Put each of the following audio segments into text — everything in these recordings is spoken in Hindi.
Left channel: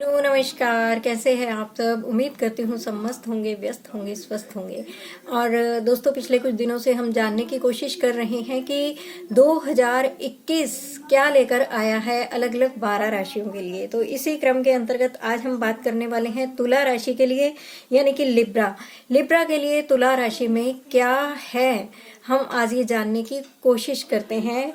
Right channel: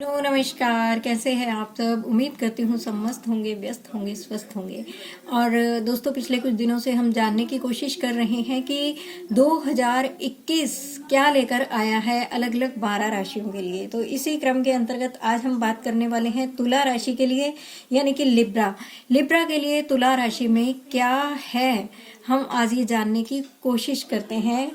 हेलो नमस्कार, कैसे हैं आप सब। उम्मीद करती हूँ सब मस्त होंगे, व्यस्त होंगे, स्वस्थ होंगे। और दोस्तों, पिछले कुछ दिनों से हम जानने की कोशिश कर रहे हैं कि 2021 क्या लेकर आया है अलग अलग 12 राशियों के लिए। तो इसी क्रम के अंतर्गत आज हम बात करने वाले हैं तुला राशि के लिए, यानी कि लिब्रा के लिए तुला राशि में क्या है, हम आज ये जानने की कोशिश करते हैं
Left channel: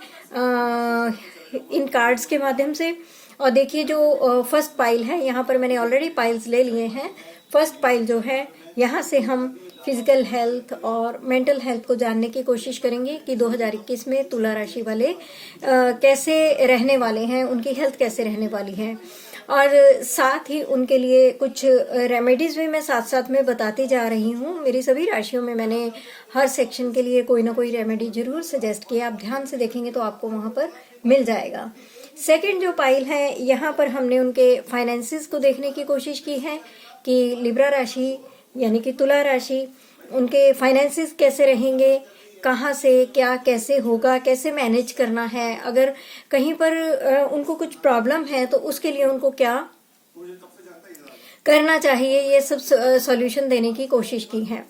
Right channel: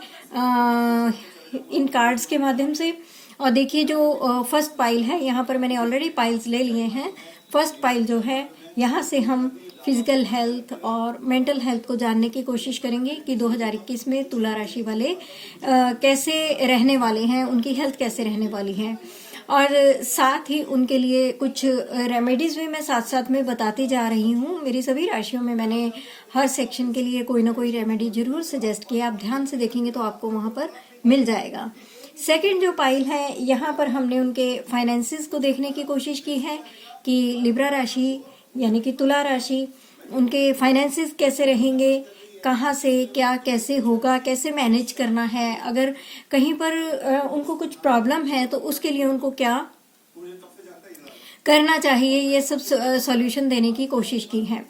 इन कार्ड्स के माध्यम से। और देखिए, जो फर्स्ट पाइल है, यहाँ पर मैंने ऑलरेडी पाइल्स ले लिए हैं। फर्स्ट पाइल जो है, यहाँ से हम फिजिकल हेल्थ और मेंटल हेल्थ को जानने की कोशिश करेंगे कि 2021 में तुला राशि वाले कैसे रहने वाले हैं, उनकी हेल्थ कैसे रहने वाली है। और साथ ही उनके लिए कुछ रेमेडीज भी मैं साथ साथ में बताती जा रही हूँ। मेरी सभी राशियों में मैंने हर सेक्शन के लिए कोई ना कोई रेमेडी जरूर सजेस्ट किया। आप ध्यान से देखेंगे तो आपको वहां पर मिल जाएगा। सेकंड जो पाइल है, यहाँ पर हमने उनके फाइनेंसिस को देखने की कोशिश की है कि लिब्रा राशि यानी कि तुला राशि, उनके फाइनेंसिस कैसे रहेंगे, कहाँ से क्या कैसे होगा, कैसे मैनेज करना है। अगर कहीं पर उनको कुछ प्रॉब्लम है तो उसके लिए उनको क्या करना चाहिए, ये सब सॉल्यूशन देने की कोशिश की है।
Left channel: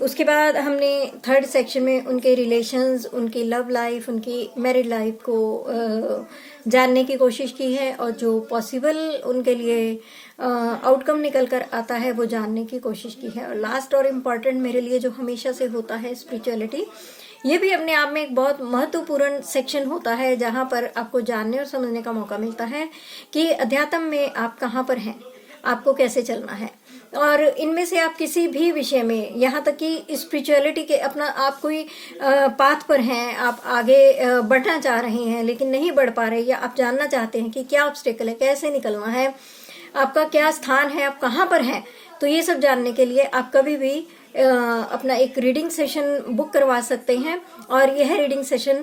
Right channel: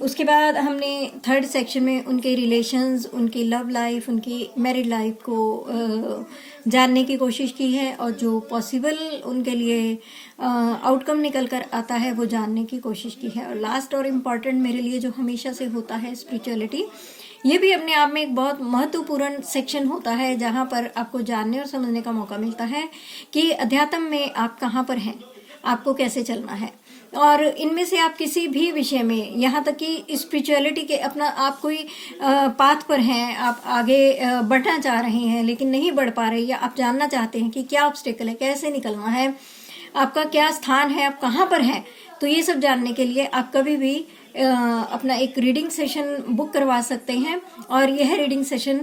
उसके बाद हमने थर्ड सेक्शन में उनके रिलेशंस, उनकी लव लाइफ, उनकी मैरिड लाइफ को जानने की कोशिश की है, और जो पॉसिबल उनके लिए आउटकम निकल कर आता है वो जानने की कोशिश की है। और लास्ट और इम्पॉर्टेंट मेरे लिए जो हमेशा से होता है, स्पिरिचुअलिटी। ये भी अपने आप में एक बहुत महत्वपूर्ण सेक्शन होता है, जहां पर आपको जानने और समझने का मौका मिलता है कि अध्यात्म में आप कहाँ पर हैं, आपको कैसे चलना है। और इनमें से आप किसी भी विषय में, यहाँ तक कि स्पिरिचुअलिटी के अपना आप कोई पाथ पर हैं, आप आगे बढ़ना चाह रहे हैं लेकिन नहीं बढ़ पा रहे, या आप जानना चाहते हैं कि क्या ऑब्स्टेकल है, कैसे निकलना है, आपका क्या स्थान है, आप कहाँ पर हैं, तो ये सब जानने के लिए आप कभी भी अपना एक रीडिंग सेशन बुक करवा सकते हैं। और यह रीडिंग सेशन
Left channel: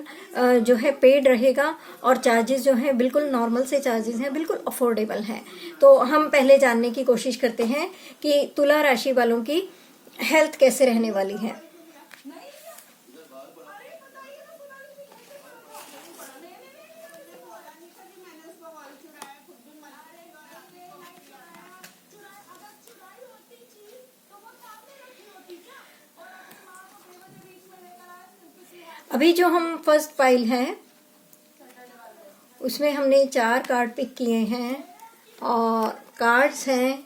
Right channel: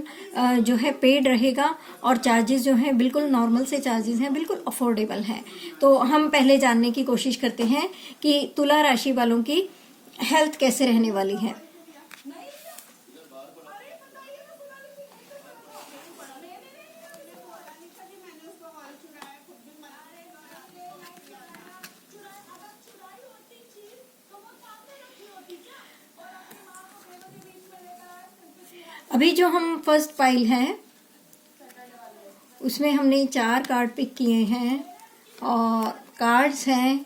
जो है पेड रहेगा, और चार्जेस जो हैं बिल्कुल नॉर्मल से चार्जेस हैं, बिल्कुल अफोर्डेबल हैं। तो हम पहले जानने की कोशिश करते हैं कि तुला राशि वालों की हेल्थ कैसे रहने वाली है। अभी जो हम फर्स्ट फाइल है उसमें हमने 4 कार्ड पिक किए हैं, और कार्ड्स हैं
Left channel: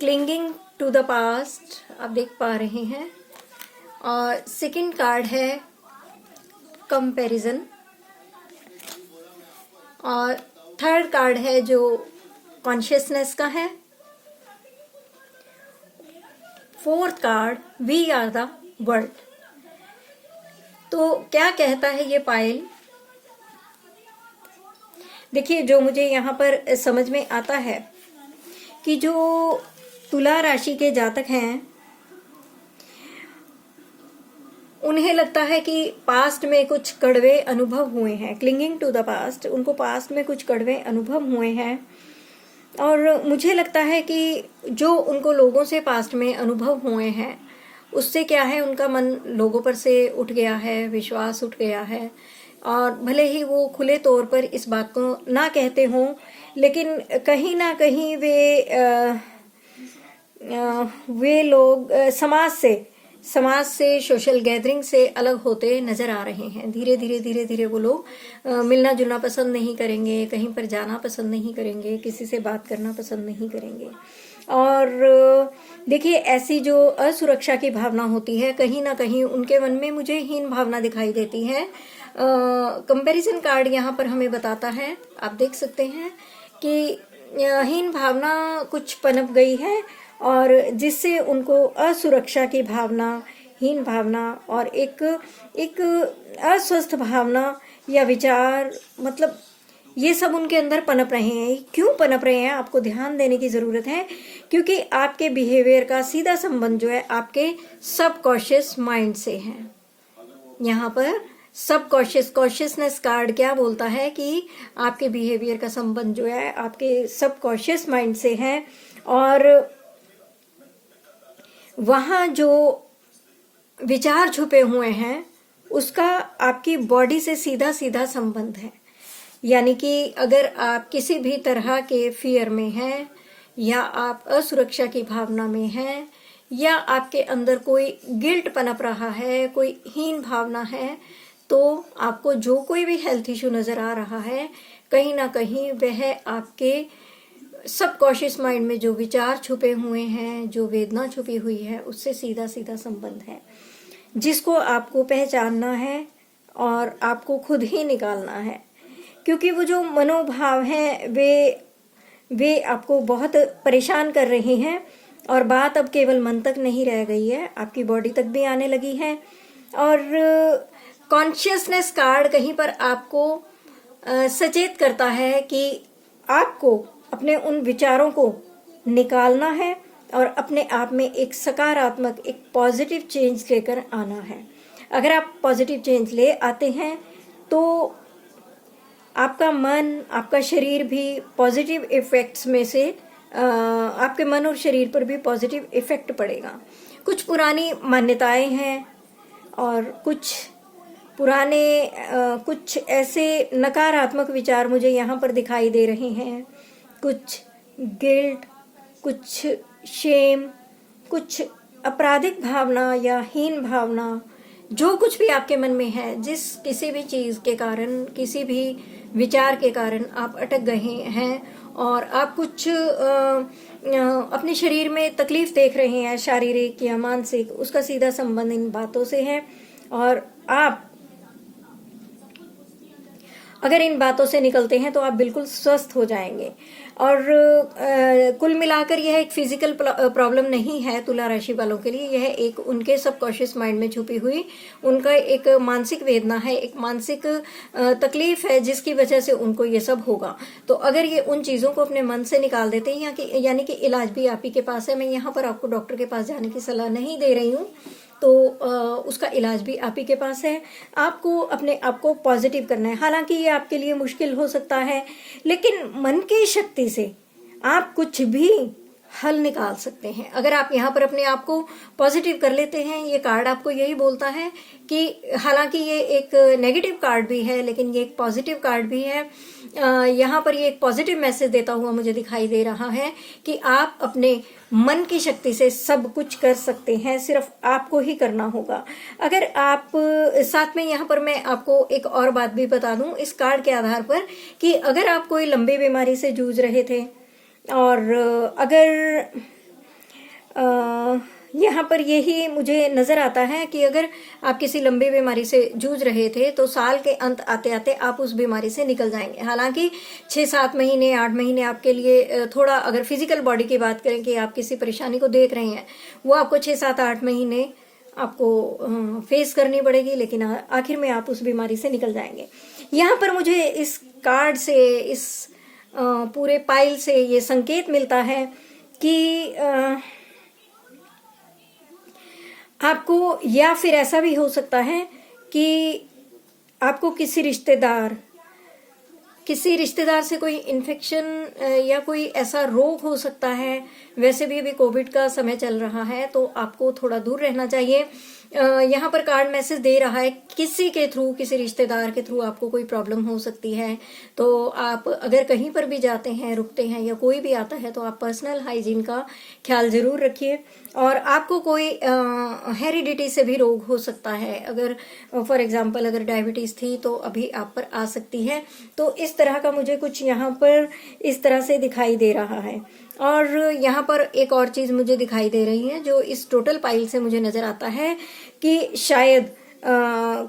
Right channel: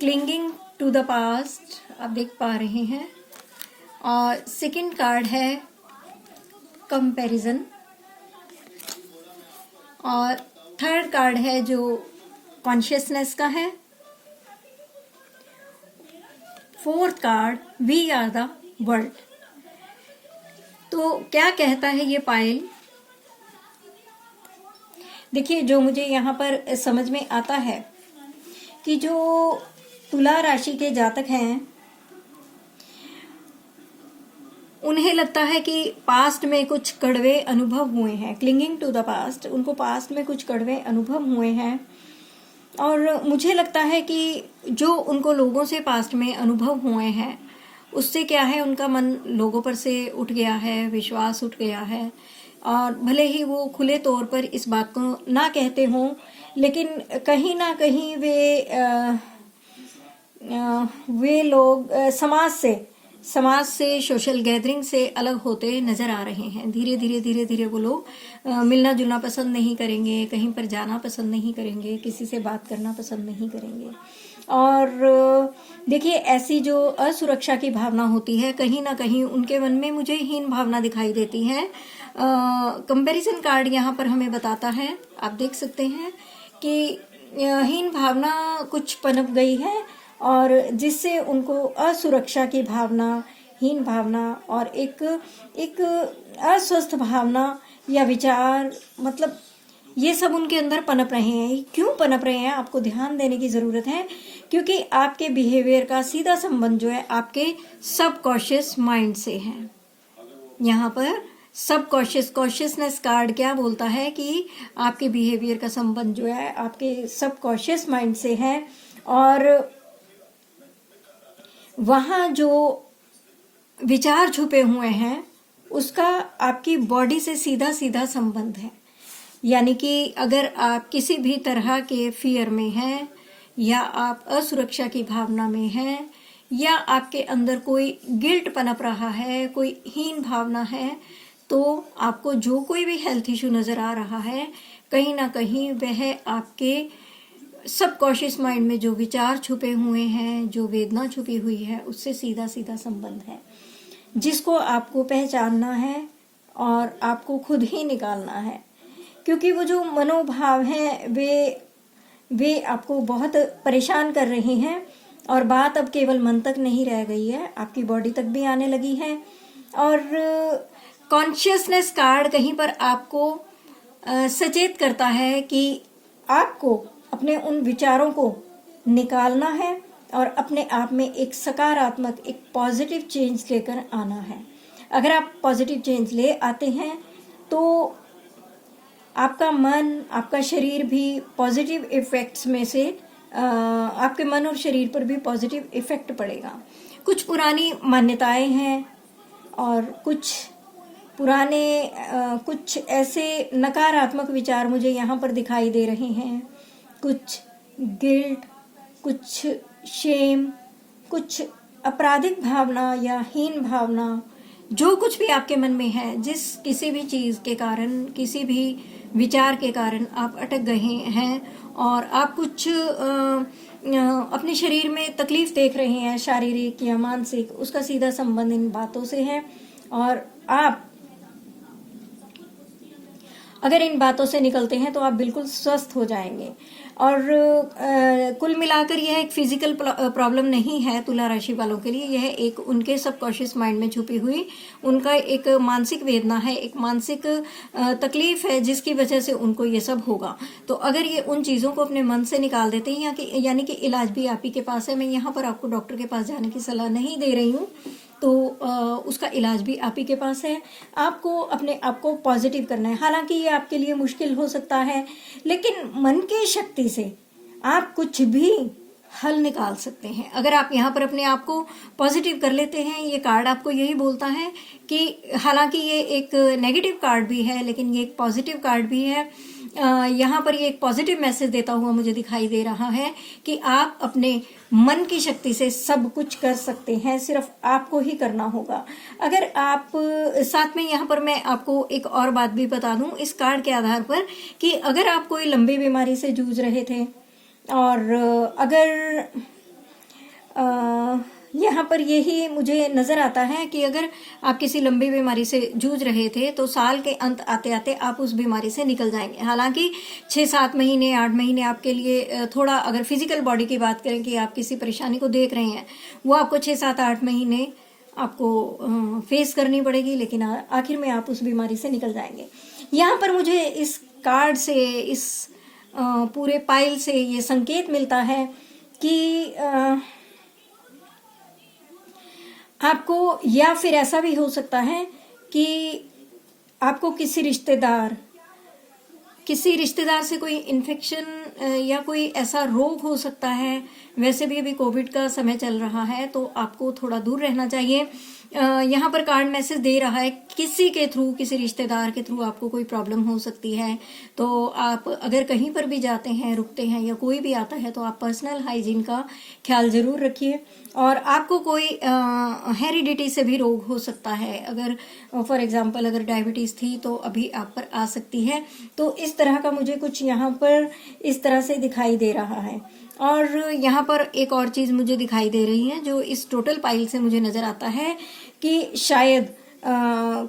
क्लिंगिंग टू द पास्ट, आप देख पा रहे हैं। और सेकंड कार्ड है कंपैरिजन, और थर्ड कार्ड है जो कॉन्शियसनेस का है। Fourth card we are the world. तो क्या कहता है ये पाइल, देखिए, जो मुझे यहाँ पर समझ में आता है कि जो तुला राशि के जातक हैं, उन्हें लगता है कि पास्ट में कुछ कड़वे अनुभव हुए हैं। क्लिंगिंग टू द पास्ट, उनको पास्ट में कुछ कड़वे अनुभव हुए हैं। और मुझे लगता है कि जो उनको लोगों से पास्ट में अनुभव हुए हैं, उससे क्या है, उनका मन लोगों पर से उठ गया है, विश्वास उठ गया है। और भले ही वो खुले तौर पर इस बात को ना कहते हों, लेकिन कहीं ना कहीं वे लोग समाज से सोशल गैदरिंग से अलग होते नजर आ रहे हैं। धीरे धीरे वो लोग मिलना जुलना पसंद नहीं करेंगे, कहीं पर जाना पसंद नहीं करेंगे, किसी से बात करना पसंद नहीं करेंगे। और देखिए, ऐसी जो असुरक्षा की भावना होती है, कहीं ना कहीं उनके मन में मुझे हीन भावना दिखाई देती है। कंपैरिजन कार्ड यहाँ पर हमें बताता है, आप देख सकते हैं कि हीन भावना कुछ पनप गई है, और जिससे उनको असुरक्षा की भावना, हीन भावना और एक अस्वस्थ भावना या विचार, मतलब ये सब उनके अंदर पनप रहे हैं। क्यों पनप रहे हैं, आपको ध्यान देने की जरूरत है, क्योंकि आपके बिहेवियर का सीधा संबंध जो है आपके सबकॉन्शियस माइंड से है। यहाँ पर कॉन्शियसनेस कार्ड क्या बोलता है कि आपके बिहेवियर का संबंध जो है आपके सबकॉन्शियस माइंड से है, और वहां जो विचार छुपे हुए हैं उसका आपकी बॉडी से सीधा संबंध है। यानी कि अगर आप किसी भी तरह के फियर में हैं, या आप असुरक्षा की भावना में हैं, या आपके अंदर कोई गिल्ट पनप रहा है, कोई हीन भावना है, तो आपको जो कोई भी हेल्थ इश्यू नजर आ रहा है, कहीं ना कहीं वह आपके सबकॉन्शियस माइंड में जो विचार छुपे हुए हैं, जो वेदना छुपी हुई है, उससे सीधा सीधा संबंध है, जिसको आपको पहचानना है और आपको खुद ही निकालना है। क्योंकि वो जो मनोभाव है वे आपको बहुत परेशान कर रहे हैं, और बात अब केवल मन तक नहीं रह गई है, आपकी बॉडी तक भी आने लगी है। और कॉन्शियसनेस कार्ड कहीं पर आपको सचेत करता है कि आपको अपने उन विचारों को निकालना है और अपने आप में एक सकारात्मक, एक पॉजिटिव चेंज लेकर आना है। अगर आप पॉजिटिव चेंज ले आते हैं तो आपका मन, आपका शरीर भी पॉजिटिव इफेक्ट्स में से आपके मन और शरीर पर भी पॉजिटिव इफेक्ट पड़ेगा। कुछ पुरानी मान्यताएं हैं और कुछ पुराने कुछ ऐसे नकारात्मक विचार मुझे यहाँ पर दिखाई दे रहे हैं। कुछ गिल्ट, कुछ शेम, कुछ आपराधिक भावना या हीन भावना, जो कुछ भी आपके मन में है, जिस किसी भी चीज के कारण, किसी भी विचार के कारण आप अटक गए हैं और आप कुछ अपने शरीर में तकलीफ देख रहे हैं, शारीरिक या मानसिक, उसका सीधा संबंध इन बातों से है। और आप अगर इन बातों से निकलते हैं तो आप बिल्कुल स्वस्थ हो जाएंगे। और कुल मिलाकर यह एक फिजिकल प्रॉब्लम नहीं है तुला राशि वालों के लिए, यह एक उनके सबकॉन्शियस माइंड में छुपी हुई उनका एक मानसिक वेदना है, एक मानसिक तकलीफ है, जिसकी वजह से उनको ये सब होगा। तो अगर ये उन चीजों को अपने मन से निकाल देते हैं, यानी कि इलाज भी आप ही के पास है। मैं यहाँ पर आपको डॉक्टर के पास जाने की सलाह नहीं दे रही हूँ, तो उसका इलाज भी आप ही के पास है। आपको अपने आप को पॉजिटिव करना है। हालांकि ये आपके लिए मुश्किल हो सकता है, लेकिन मन की शक्ति से आप कुछ भी हल निकाल सकते हैं। अगर आप यहाँ पर अपने आप को पॉजिटिव कर लेते हैं, ये कार्ड आपको यही बोलता है कि हालांकि ये एक नेगेटिव कार्ड भी है, लेकिन ये एक पॉजिटिव कार्ड भी है। यहाँ पर ये एक पॉजिटिव मैसेज देता हुआ मुझे दिखाई दे रहा है कि आप अपने मन की शक्ति से सब कुछ कर सकते हैं, सिर्फ आपको ही करना होगा। अगर आप साथ में यहाँ पर मैं आपको एक और बात भी बता दूं इस कार्ड के आधार पर, कि अगर आप कोई लंबी बीमारी से जूझ रहे थे, और अगर यहाँ पर यही मुझे नजर आता है कि अगर आप किसी लंबी बीमारी से जूझ रहे थे तो साल के अंत आते आते आप उस बीमारी से निकल जाएंगे। हालांकि 6-7 महीने, 8 महीने आपके लिए थोड़ा, अगर फिजिकल बॉडी की बात करें कि आप किसी परेशानी को देख रहे हैं, वो आपको 6-7-8 महीने आपको फेस करनी पड़ेगी, लेकिन आखिर में आप उस बीमारी से निकल जाएंगे। यहाँ पर मुझे इस कार्ड से, इस पूरे पाइल से ये संकेत मिलता है कि आपको, या फिर ऐसा भी हो सकता है कि आपको किसी रिश्तेदार से कोई इन्फेक्शन या कोई ऐसा रोग हो सकता है। वैसे भी अभी कोविड का समय चल रहा है, तो आपको थोड़ा दूर रहना चाहिए। यहाँ पर कार्ड मैसेज दे रहा है किसी के थ्रू, किसी रिश्तेदार के थ्रू आपको कोई प्रॉब्लम हो सकती है। तो आप अगर कहीं पर भी जाते हैं, रुकते हैं, या कोई भी आता है, तो आप पर्सनल हाइजीन का ख्याल जरूर रखिए। और आपको कोई हेरिडिटी से भी रोग हो सकता है। अगर फॉर एग्जांपल अगर डायबिटीज थी तो अभी आप पर आ सकती है। तो इस तरह का मुझे कुछ यहाँ पर इस तरह से दिखाई दे रहा है। और यहाँ पर एक और चीज मुझे दिखाई दे रही है जो इस टोटल पाइल से मुझे नजर आता है कि शायद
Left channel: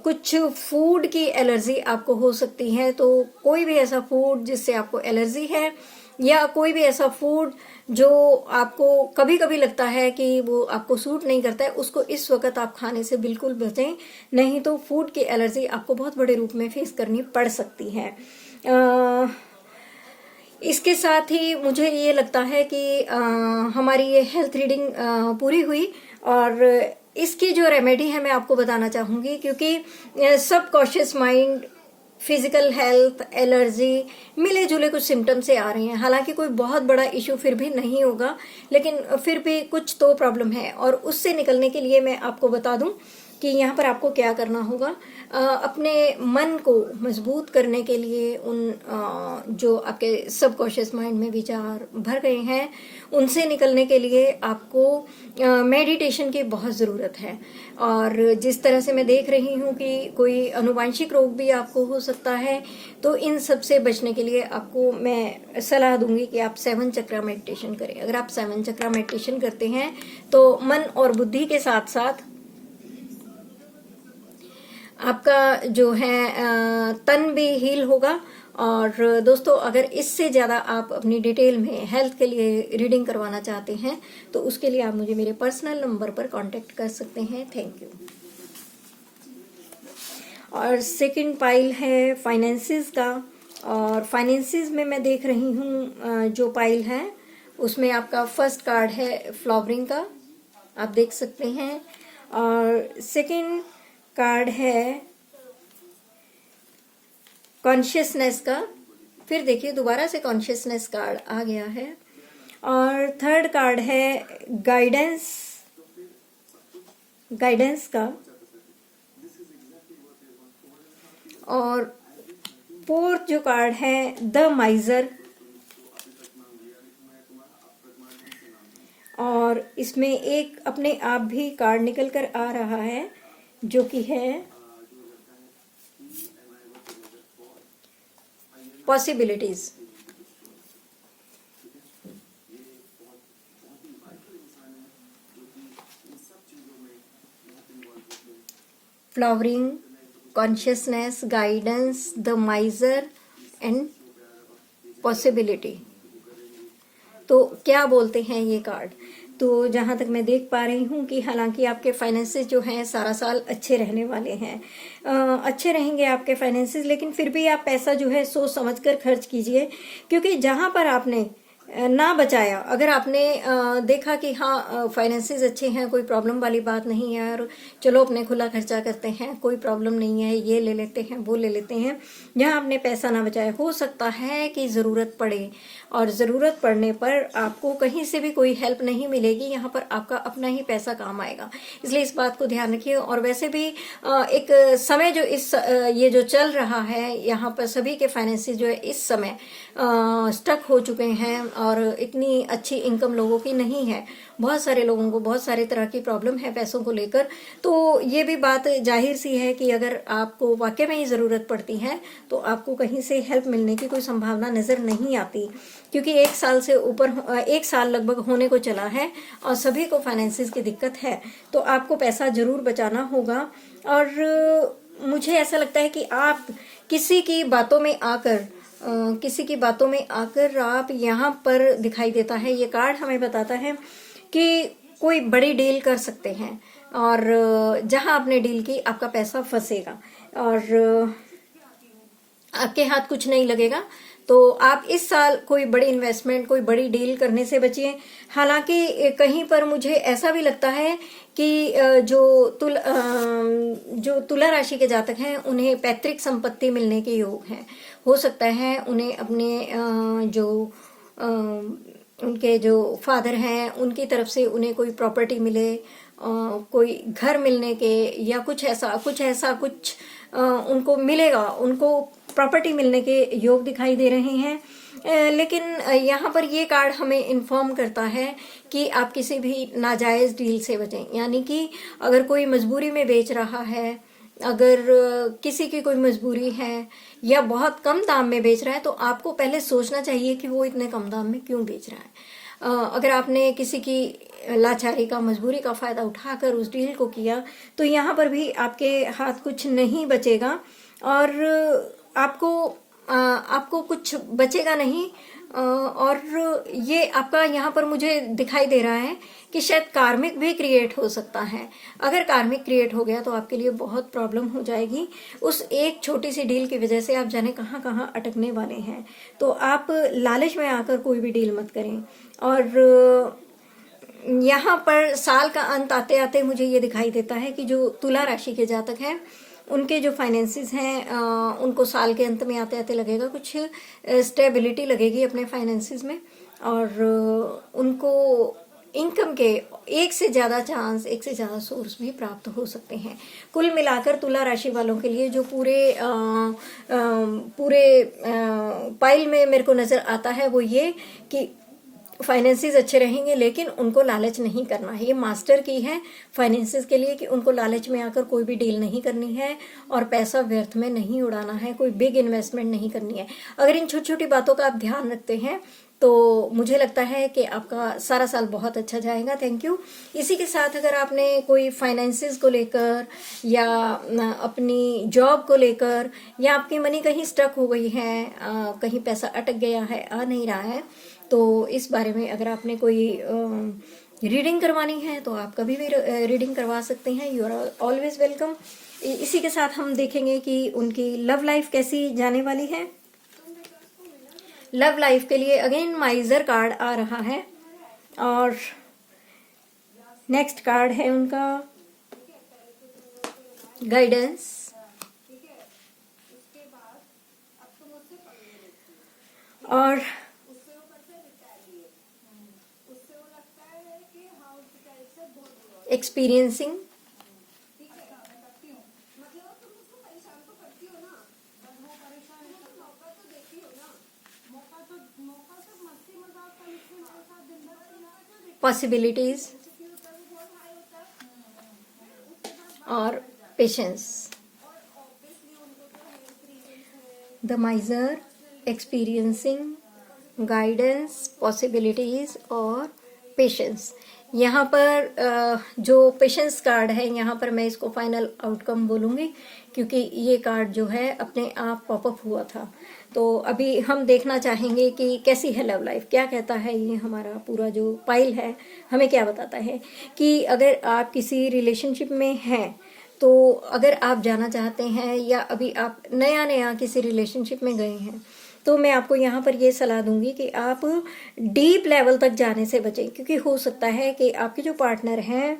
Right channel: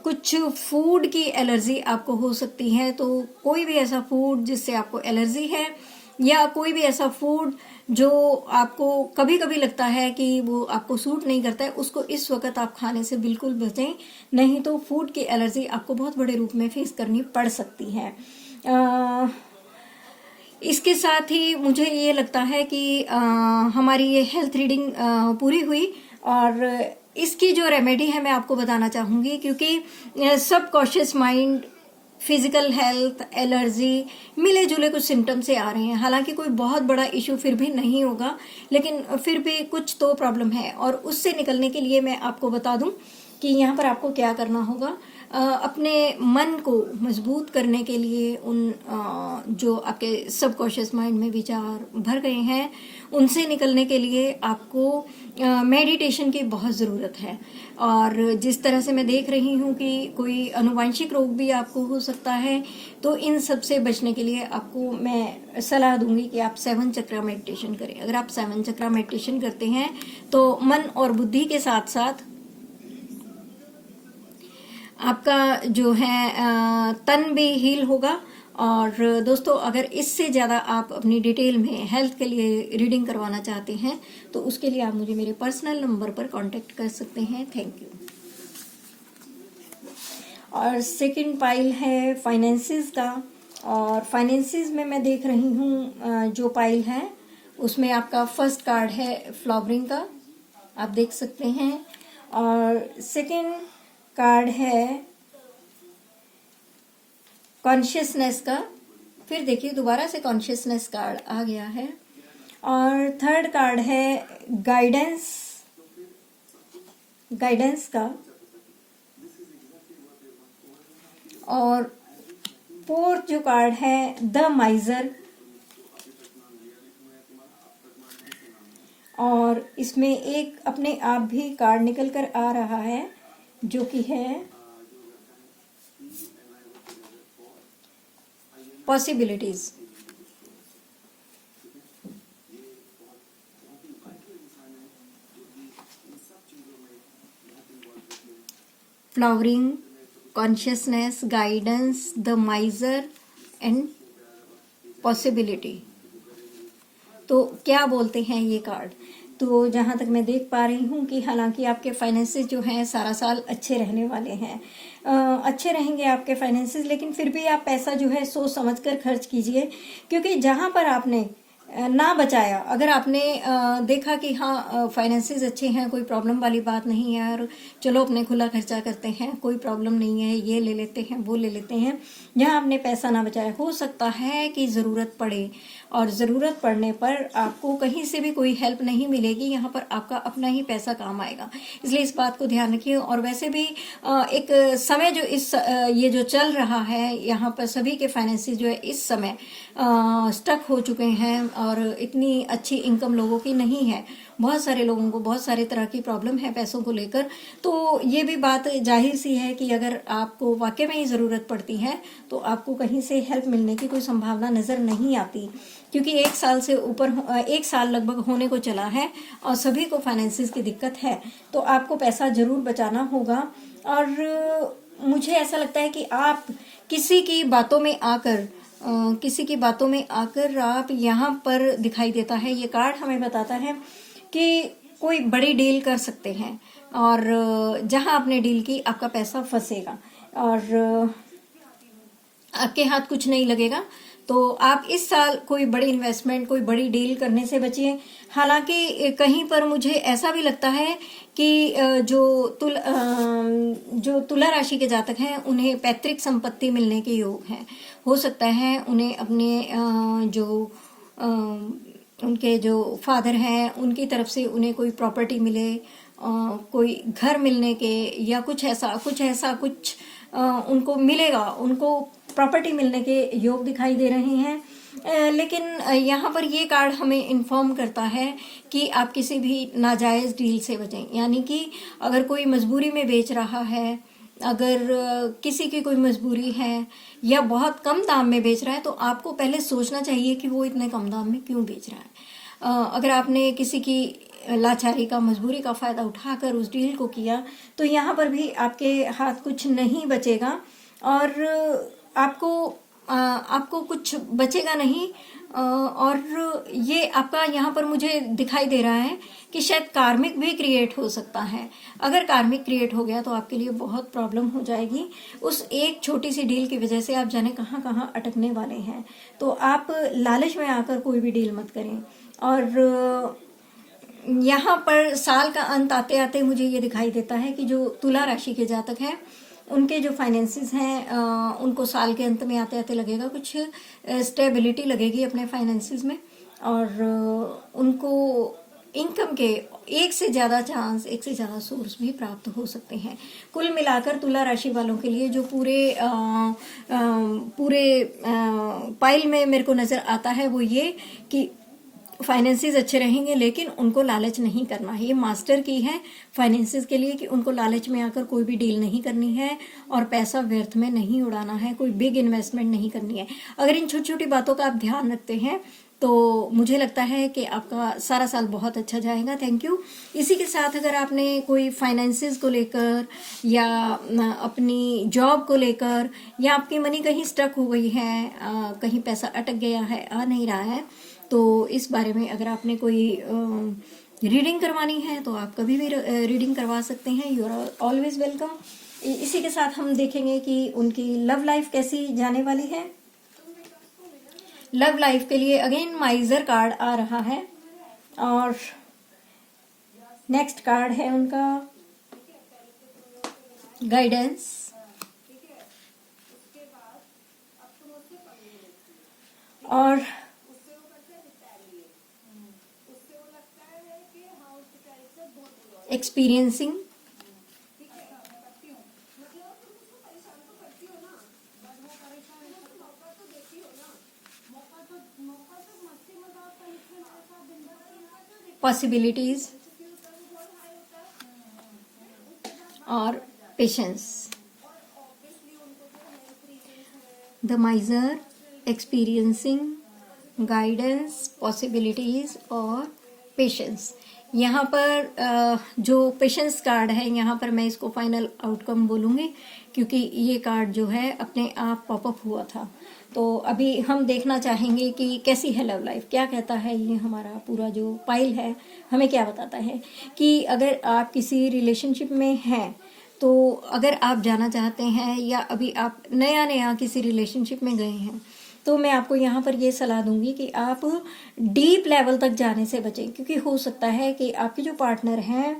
कुछ फूड की एलर्जी आपको हो सकती है। तो कोई भी ऐसा फूड जिससे आपको एलर्जी है, या कोई भी ऐसा फूड जो आपको कभी कभी लगता है कि वो आपको सूट नहीं करता है, उसको इस वक्त आप खाने से बिल्कुल बचें, नहीं तो फूड की एलर्जी आपको बहुत बड़े रूप में फेस करनी पड़ सकती है। इसके साथ ही मुझे ये लगता है कि हमारी ये हेल्थ रीडिंग पूरी हुई, और इसकी जो रेमेडी है मैं आपको बताना चाहूंगी, क्योंकि subconscious mind, physical health, allergy, मिले जुले कुछ सिम्टम्स से आ रहे हैं। हालांकि कोई बहुत बड़ा इश्यू फिर भी नहीं होगा, लेकिन फिर भी कुछ तो प्रॉब्लम है, और उससे निकलने के लिए मैं आपको बता दूं कि यहाँ पर आपको क्या करना होगा। अपने मन को मजबूत करने के लिए उन जो आपके सबकॉन्शियस माइंड में विचार भर गए हैं उनसे निकलने के लिए आपको मेडिटेशन की बहुत ज़रूरत है। और जिस तरह से मैं देख रही हूँ कि कोई अनुवांशिक रोग भी आपको हो सकता है, तो इन सब से बचने के लिए आपको मैं सलाह दूंगी कि आप 7 चक्रा मेडिटेशन करें। अगर आप 7 चक्रा मेडिटेशन करते हैं तो मन और बुद्धि के साथ साथ आपका जो है तन भी हील होगा। और दोस्तों, अगर इससे ज़्यादा आप अपनी डिटेल में हेल्थ के लिए रीडिंग करवाना चाहते हैं तो उसके लिए आप मुझे मेरे पर्सनल नंबर पर कांटेक्ट कर सकते हैं। Thank you. और सेकंड पाइल है फाइनेंसेस का, और फाइनेंसेस में मैं देख रही हूँ जो पाइल है उसमें आपका फर्स्ट कार्ड है फ्लावरिंग का, आप देख सकते हैं। और सेकंड कार्ड है कॉन्शियसनेस का, फिर देखिए दोबारा से कॉन्शियसनेस कार्ड आ गया है। और थर्ड कार्ड है गाइडेंस का। और फोर्थ जो कार्ड है द माइजर, और इसमें एक अपने आप भी कार्ड निकल कर आ रहा है जो कि है possibilities. Flowering, consciousness, guidance, the माइजर and possibility. तो क्या बोलते हैं ये कार्ड? तो जहां तक मैं देख पा रही हूँ कि हालांकि आपके फाइनेंसेस जो हैं सारा साल अच्छे रहने वाले हैं, अच्छे रहेंगे आपके फाइनेंसेस, लेकिन फिर भी आप पैसा जो है सोच समझ कर खर्च कीजिए। क्योंकि जहां पर आपने ना बचाया, अगर आपने देखा कि हाँ फाइनेंसेस अच्छे हैं, कोई प्रॉब्लम वाली बात नहीं है और चलो अपने खुला खर्चा करते हैं, कोई प्रॉब्लम नहीं है, ये ले लेते हैं वो ले लेते हैं, जहां आपने पैसा ना बचाया, हो सकता है कि जरूरत पड़े, और जरूरत पड़ने पर आपको कहीं से भी कोई हेल्प नहीं मिलेगी, यहाँ पर आपका अपना ही पैसा काम आएगा। इसलिए इस बात को ध्यान रखिए। और वैसे भी एक समय जो ये जो चल रहा है, यहाँ पर सभी के फाइनेंसेस जो है इस समय स्टक हो चुके हैं और इतनी अच्छी इनकम लोगों की नहीं है। बहुत सारे लोगों को बहुत सारी तरह की प्रॉब्लम है पैसों को लेकर। तो ये भी बात जाहिर सी है कि अगर आपको वाकई में ही जरूरत पड़ती है तो आपको कहीं से हेल्प मिलने की कोई संभावना नजर नहीं आती, क्योंकि 1 साल से ऊपर 1 साल लगभग होने को चला है और सभी को फाइनेंसिस की दिक्कत है। तो आपको पैसा जरूर बचाना होगा। और मुझे ऐसा लगता है कि आप किसी की बातों में आकर आप यहाँ पर दिखाई देता है, ये कार्ड हमें बताता है कि कोई बड़ी डील कर सकते हैं, और जहां आपने डील की आपका पैसा फंसेगा और आपके हाथ कुछ नहीं लगेगा। तो आप इस साल कोई बड़ी इन्वेस्टमेंट, कोई बड़ी डील करने से बचिए। हालांकि कहीं पर मुझे ऐसा भी लगता है कि जो तुला राशि के जातक हैं उन्हें पैतृक संपत्ति मिलने के योग हैं। हो सकता है उन्हें अपने उनके जो फादर हैं उनकी तरफ से उन्हें कोई प्रॉपर्टी मिले, कोई घर मिलने के, या कुछ ऐसा उनको मिलेगा, उनको प्रॉपर्टी मिलने के योग दिखाई दे रहे हैं। लेकिन यहाँ पर ये कार्ड हमें इन्फॉर्म करता है कि आप किसी भी नाजायज डील से बचें। यानी कि अगर कोई मजबूरी में बेच रहा है, अगर किसी की कोई मजबूरी है या बहुत कम दाम में बेच रहा है, तो आपको पहले सोचना चाहिए कि वो इतने कम दाम में क्यों बेच रहा है। अगर आपने किसी की लाचारी का, मजबूरी का फायदा उठाकर उस डील को किया, तो यहाँ पर भी आपके हाथ कुछ नहीं बचेगा और आपको कुछ बचेगा नहीं। और ये आपका यहाँ पर मुझे दिखाई दे रहा है कि शायद कार्मिक भी क्रिएट हो सकता है। अगर कार्मिक क्रिएट हो गया तो आपके लिए बहुत प्रॉब्लम हो जाएगी। उस एक छोटी सी डील की वजह से आप जाने कहाँ कहाँ अटकने वाले हैं। तो आप लालच में आकर कोई भी डील मत करें। और यहाँ पर साल का अंत आते आते मुझे ये दिखाई देता है कि जो तुला राशि के जातक हैं उनके जो फाइनेंसेस हैं उनको साल के अंत में आते आते लगेगा कुछ स्टेबिलिटी लगेगी अपने फाइनेंसेस में, और उनको इनकम के एक से ज्यादा चांस, एक से ज्यादा सोर्स भी प्राप्त हो सकते हैं। कुल मिलाकर तुला राशि वालों के लिए जो पूरे पाइल में मेरे को नजर आता है वो ये कि फाइनेंसेस अच्छे रहेंगे, लेकिन उनको लालच नहीं करना है। ये मास्टर की है फाइनेंसेस के लिए कि उनको लालच में आकर कोई भी डील नहीं करनी है और पैसा व्यर्थ में नहीं उड़ाना है, कोई बिग इन्वेस्टमेंट नहीं करनी है। अगर इन छोटी छोटी बातों का आप ध्यान रखते हैं तो मुझे लगता है कि आपका सारा साल बहुत अच्छा जाएगा। Thank you. इसी के साथ अगर आपने कोई फाइनेंसेस को लेकर या अपनी जॉब को लेकर या आपकी मनी कहीं स्टक हो गई है, कहीं पैसा अटक गया है, आ नहीं रहा है, तो इस बारे में अगर आपने कोई रीडिंग करवानी है तो आप कभी भी रीडिंग करवा सकते हैं। You are always welcome. इसी के साथ हम देखेंगे कि उनकी लव लाइफ कैसी जाने वाली है। लव लाइफ के लिए अगेन माइजर कार्ड आ रहा है और नेक्स्ट कार्ड है उनका गाइडेंस और एक्सपीरियंसिंग। पॉसिबिलिटीज और patience. The माइजर, experiencing, guidance, possibilities और पेशेंस। यहाँ पर जो पेशेंस कार्ड है, यहाँ पर मैं इसको फाइनल आउटकम बोलूंगी क्योंकि ये कार्ड जो है अपने आप पॉपअप हुआ था। तो अभी हम देखना चाहेंगे कि कैसी है लव लाइफ, क्या कहता है ये हमारा पूरा जो पाइल है, हमें क्या बताता है कि अगर आप किसी रिलेशनशिप में हैं तो अगर आप जाना चाहते हैं या अभी आप नया नया किसी रिलेशनशिप में गए हैं तो मैं आपको यहाँ पर ये सलाह दूंगी कि आप डीप लेवल तक जाने से बचें, क्योंकि हो सकता है कि आपके जो पार्टनर हैं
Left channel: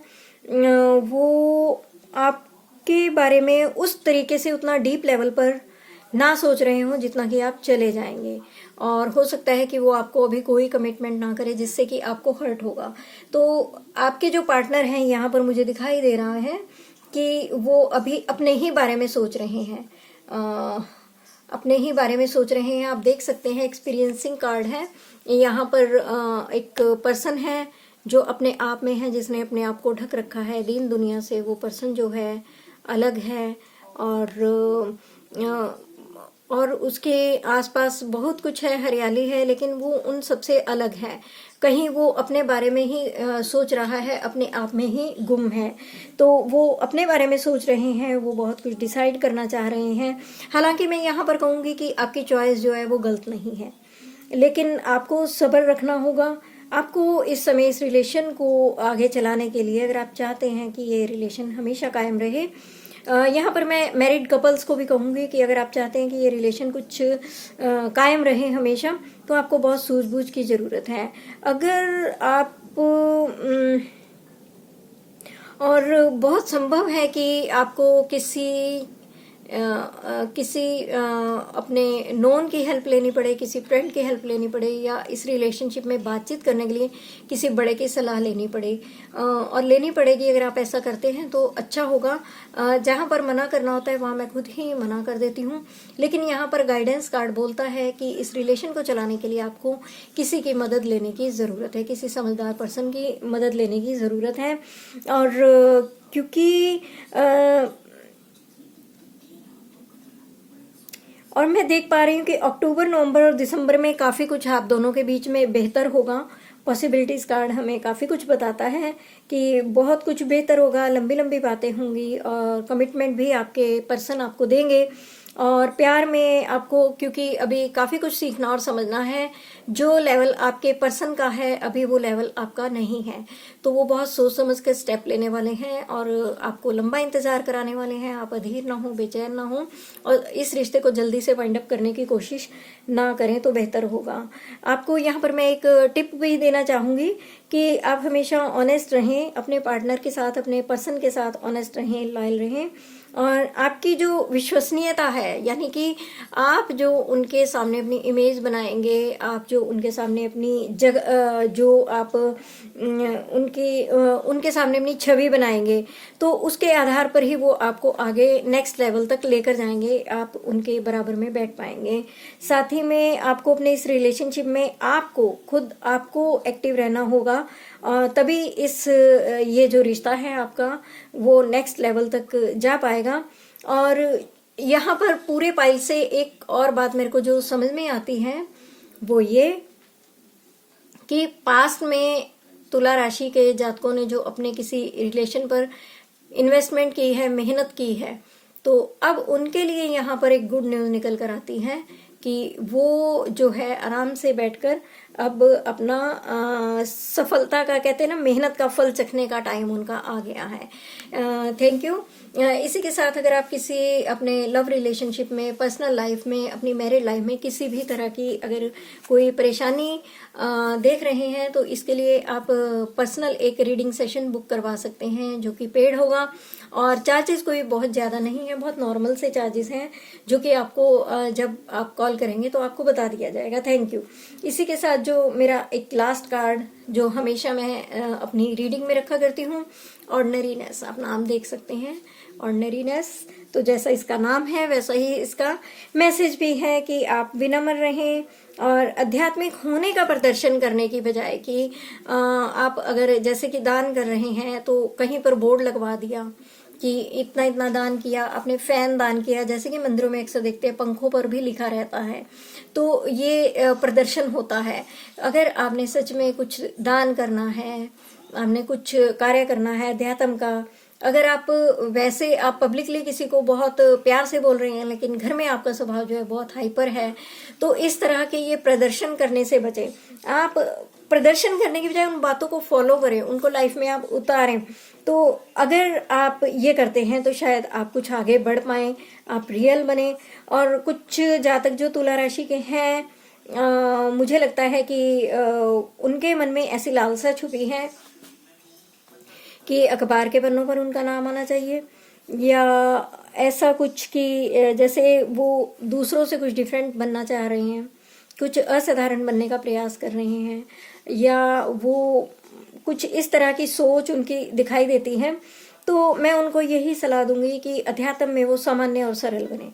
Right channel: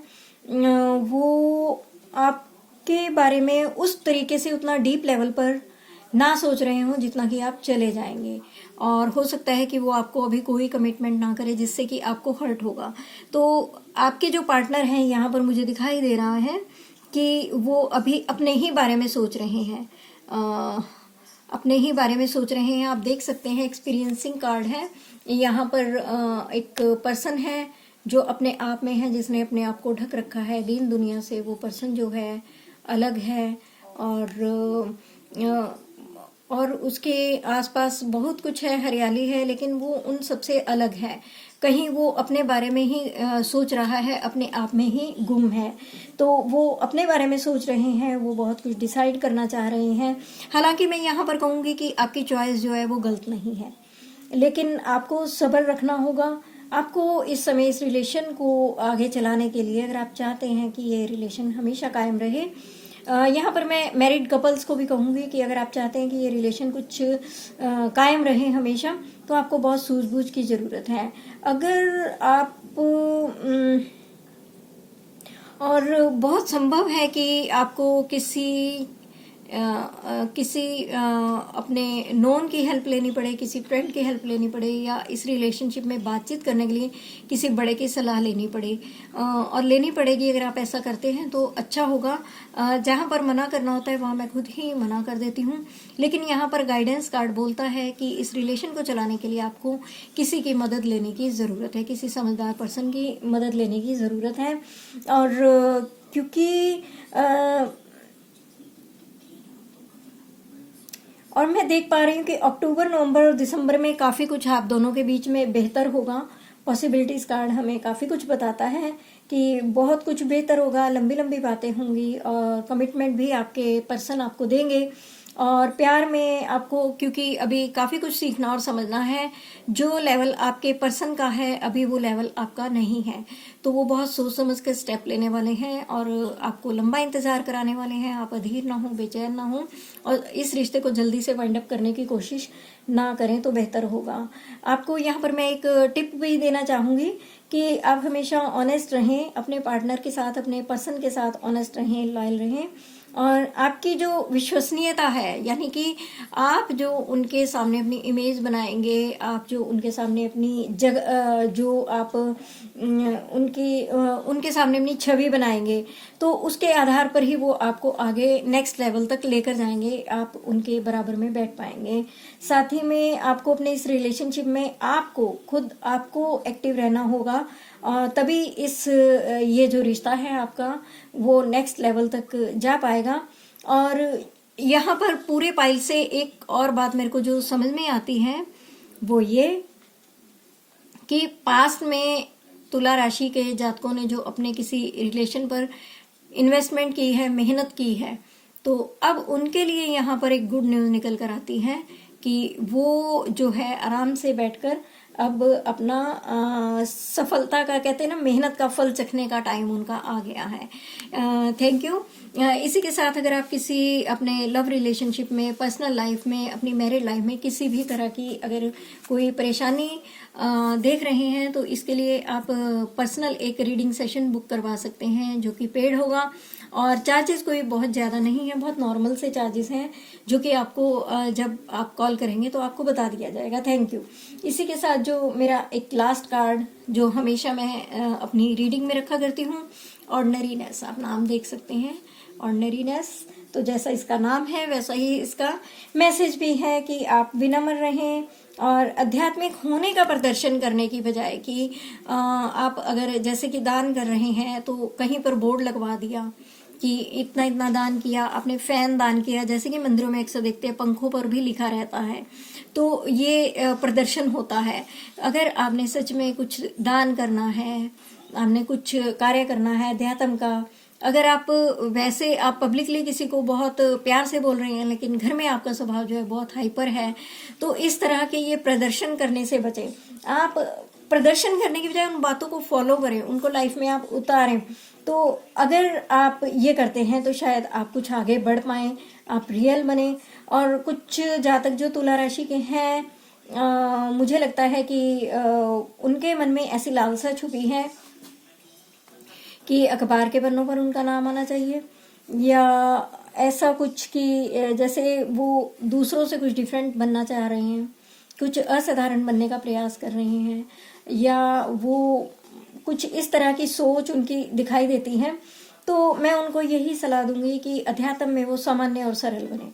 वो आपके बारे में उस तरीके से उतना डीप लेवल पर ना सोच रहे हो जितना कि आप चले जाएंगे, और हो सकता है कि वो आपको अभी कोई कमिटमेंट ना करे जिससे कि आपको हर्ट होगा। तो आपके जो पार्टनर हैं यहाँ पर मुझे दिखाई दे रहा है कि वो अभी अपने ही बारे में सोच रहे हैं, अपने ही बारे में सोच रहे हैं। आप देख सकते हैं एक्सपीरियंसिंग कार्ड है, यहाँ पर एक पर्सन है जो अपने आप में है, जिसने अपने आप को ढक रखा है दीन दुनिया से। वो पर्सन जो है अलग है और उसके आसपास बहुत कुछ है, हरियाली है, लेकिन वो उन सबसे अलग है। कहीं वो अपने बारे में ही सोच रहा है, अपने आप में ही गुम है। तो वो अपने बारे में सोच रहे हैं, वो बहुत कुछ डिसाइड करना चाह रहे हैं। हालांकि मैं यहाँ पर कहूंगी कि आपकी चॉइस जो है वो गलत नहीं है, लेकिन आपको सब्र रखना होगा। आपको इस समय इस रिलेशन को आगे चलाने के लिए, अगर आप चाहते हैं कि ये रिलेशन हमेशा कायम रहे, यहाँ पर मैं मैरिड कपल्स को भी कहूंगी कि अगर आप चाहते हैं कि ये रिलेशन कुछ कायम रहे हमेशा, तो आपको बहुत सूझबूझ की जरूरत है। अगर आप और बहुत संभव है कि आपको किसी अपने नोन की हेल्प लेनी पड़े, किसी फ्रेंड की हेल्प लेनी पड़े, या इस रिलेशनशिप में बातचीत करने के लिए किसी बड़े की सलाह लेनी पड़े, और लेनी पड़ेगी। अगर आप ऐसा करते हैं तो अच्छा होगा। जहां पर मना करना होता है वहां मैं खुद ही मना कर देती हूँ, लेकिन यहाँ पर गाइडेंस कार्ड बोलता है कि इस रिलेशन को चलाने के लिए आपको किसी की मदद लेने की जरूरत है, किसी समझदार पर्सन की मदद लेने की जरूरत है। और क्योंकि और मैं देख पा रही हूँ कि अक्टूबर, नवंबर और दिसंबर में काफी कुछ आप दोनों के बीच में बेहतर होगा। पॉसिबिलिटीज कार्ड हमें काफी कुछ बताता है कि बहुत कुछ बेहतर होगा, लंबी लंबी बातें होंगी और कमिटमेंट भी आपके पर्सन आपको देंगे। और प्यार में आपको, क्योंकि अभी काफी कुछ सीखना और समझना है, जो लेवल आपके पर्सन का है अभी वो लेवल आपका नहीं है, तो वो बहुत सोच समझ के स्टेप लेने वाले हैं और आपको लंबा इंतजार कराने वाले हैं। आप अधीर ना हो, बेचैन ना हो, और इस रिश्ते को जल्दी से वाइंड अप करने की कोशिश ना करें तो बेहतर होगा। आपको यहाँ पर मैं एक टिप भी देना चाहूंगी कि आप हमेशा ऑनेस्ट रहें अपने पार्टनर के साथ, अपने पर्सन के साथ ऑनेस्ट रहें, लॉयल रहें, और आपकी जो विश्वसनीयता है, यानी कि आप जो उनके सामने अपनी इमेज बनाएंगे, आप जो उनके सामने अपनी जो आप उनके सामने अपनी छवि बनाएंगे, तो उसके आधार पर ही वो आपको आगे नेक्स्ट लेवल तक लेकर जाएंगे, आप उनके बराबर में बैठ पाएंगे। साथ ही में आपको अपने इस रिलेशनशिप में आपको एक्टिव रहना होगा, तभी ये जो रिश्ता है आपका वो नेक्स्ट लेवल तक जा पाएगा। और यहाँ पर पूरे पाइल से एक और बात मेरे को जो समझ में आती है वो ये कि पास्ट में तुला राशि के जातकों ने जो अपने किसी रिलेशन पर इन्वेस्टमेंट की है, मेहनत की है, तो अब उनके लिए यहाँ पर एक गुड न्यूज निकल कर आती है कि वो जो है आराम से बैठकर अब अपना सफलता का, कहते हैं ना, मेहनत का फल चखने का टाइम उनका आ गया है। Thank you. इसी के साथ अगर आप किसी अपने लव रिलेशनशिप में, पर्सनल लाइफ में, अपनी मैरिड लाइफ में किसी भी तरह की अगर कोई परेशानी देख रहे हैं, तो इसके लिए आप पर्सनल एक रीडिंग सेशन बुक करवा सकते हैं, जो कि पेड होगा और चार्जेस कोई बहुत ज्यादा नहीं है, बहुत नॉर्मल से चार्जेस हैं, जो कि आपको जब आप कॉल करेंगे तो आपको बता दिया जाएगा। Thank you. इसी के साथ जो मेरा एक लास्ट कार्ड जो हमेशा मैं अपनी रीडिंग में रखा करती हूँ, ऑर्डिनरीनेस, आप नाम देख सकते हैं, ऑर्डिनरीनेस। तो जैसा इसका नाम है वैसा ही इसका मैसेज भी है कि आप विनम्र रहें और आध्यात्मिक होने का प्रदर्शन करने की बजाय कि आप अगर जैसे कि दान कर रहे हैं तो कहीं पर बोर्ड लगवा दिया कि इतना इतना दान किया, आपने फैन दान किया, जैसे कि मंदिरों में अक्सर देखते हैं पंखों पर भी लिखा रहता है, तो ये प्रदर्शन होता है। अगर आपने सच में कुछ दान करना है, आपने कुछ कार्य करना है अध्यात्म का, अगर आप वैसे आप पब्लिकली किसी को बहुत प्यार से बोल रहे हैं लेकिन घर में आपका स्वभाव जो है बहुत हाइपर है, तो इस तरह के ये प्रदर्शन करने से बचें। आप प्रदर्शन करने की बजाय उन बातों को फॉलो करें, उनको लाइफ में आप उतारें। तो अगर आप ये करते हैं तो शायद आप कुछ आगे बढ़ पाए, आप रियल बने। और कुछ जातक जो तुला राशि के हैं, मुझे लगता है कि उनके मन में ऐसी लालसा छुपी है कि अखबार के पन्नों पर उनका नाम आना चाहिए, या ऐसा कुछ कि जैसे वो दूसरों से कुछ डिफरेंट बनना चाह रहे हैं, कुछ असाधारण बनने का प्रयास कर रहे हैं, या वो कुछ इस तरह की सोच उनकी दिखाई देती है। तो मैं उनको यही सलाह दूंगी कि अध्यात्म में वो सामान्य और सरल बने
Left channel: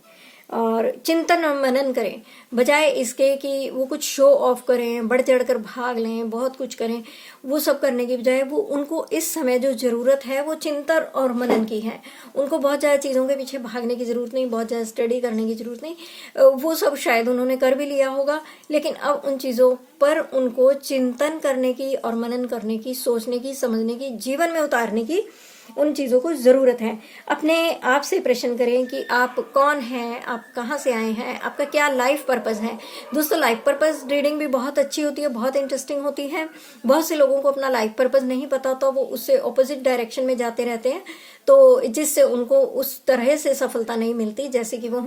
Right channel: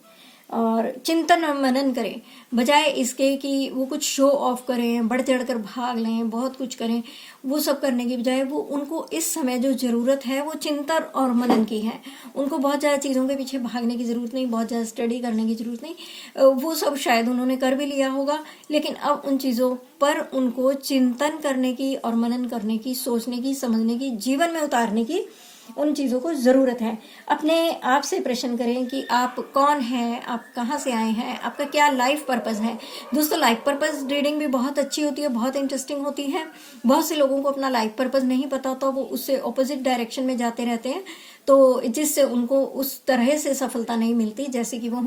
और चिंतन और मनन करें, बजाय इसके कि वो कुछ शो ऑफ करें, बढ़ चढ़कर भाग लें, बहुत कुछ करें। वो सब करने की बजाय वो उनको इस समय जो जरूरत है वो चिंतन और मनन की है। उनको बहुत ज्यादा चीजों के पीछे भागने की जरूरत नहीं, बहुत ज्यादा स्टडी करने की जरूरत नहीं। वो सब शायद उन्होंने कर भी लिया होगा, लेकिन अब उन चीजों पर उनको चिंतन करने की और मनन करने की, सोचने की, समझने की, जीवन में उतारने की उन चीजों को जरूरत है। अपने आप से प्रश्न करें कि आप कौन हैं, आप कहाँ से आए हैं, आपका क्या लाइफ पर्पस है। दोस्तों, लाइफ पर्पस रीडिंग भी बहुत अच्छी होती है, बहुत इंटरेस्टिंग होती है। बहुत से लोगों को अपना लाइफ पर्पस नहीं पता, तो वो उससे ऑपोजिट डायरेक्शन में जाते रहते हैं, तो जिससे उनको उस तरह से सफलता नहीं मिलती जैसे कि वो